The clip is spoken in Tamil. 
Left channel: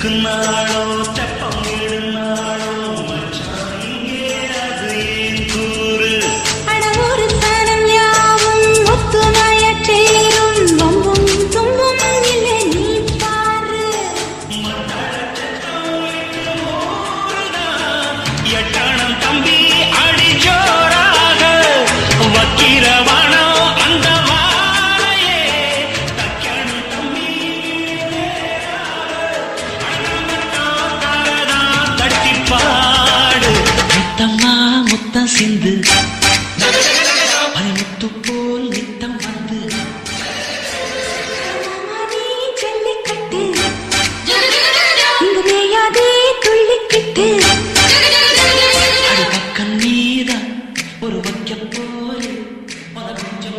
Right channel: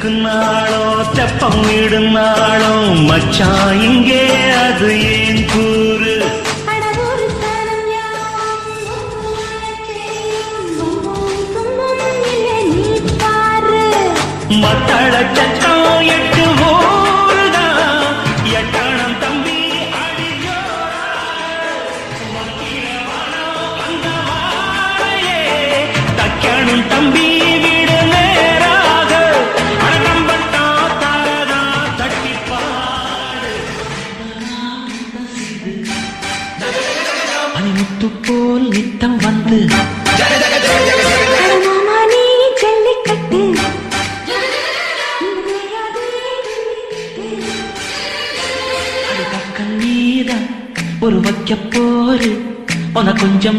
சிலுக்குனாளோ தெப்பம் விடுனாளோ மச்சான் இங்கே அது ஏன் கூறு மத்தள சட்டம் 8 ஊருதான் எட்டணம் தம்பி அடி ஜோராக வக்கிரவானோ அந்த வாழையே தக்கணும் தம்பி விடு நேராக அடம்பட்டா தாரதா தட்டிப்பாடு முத்தம்மா முத்தம் சிந்து பனிமுத்து போல் நித்தம் வந்து ஒரு வைக்க போரு உன கொஞ்சம்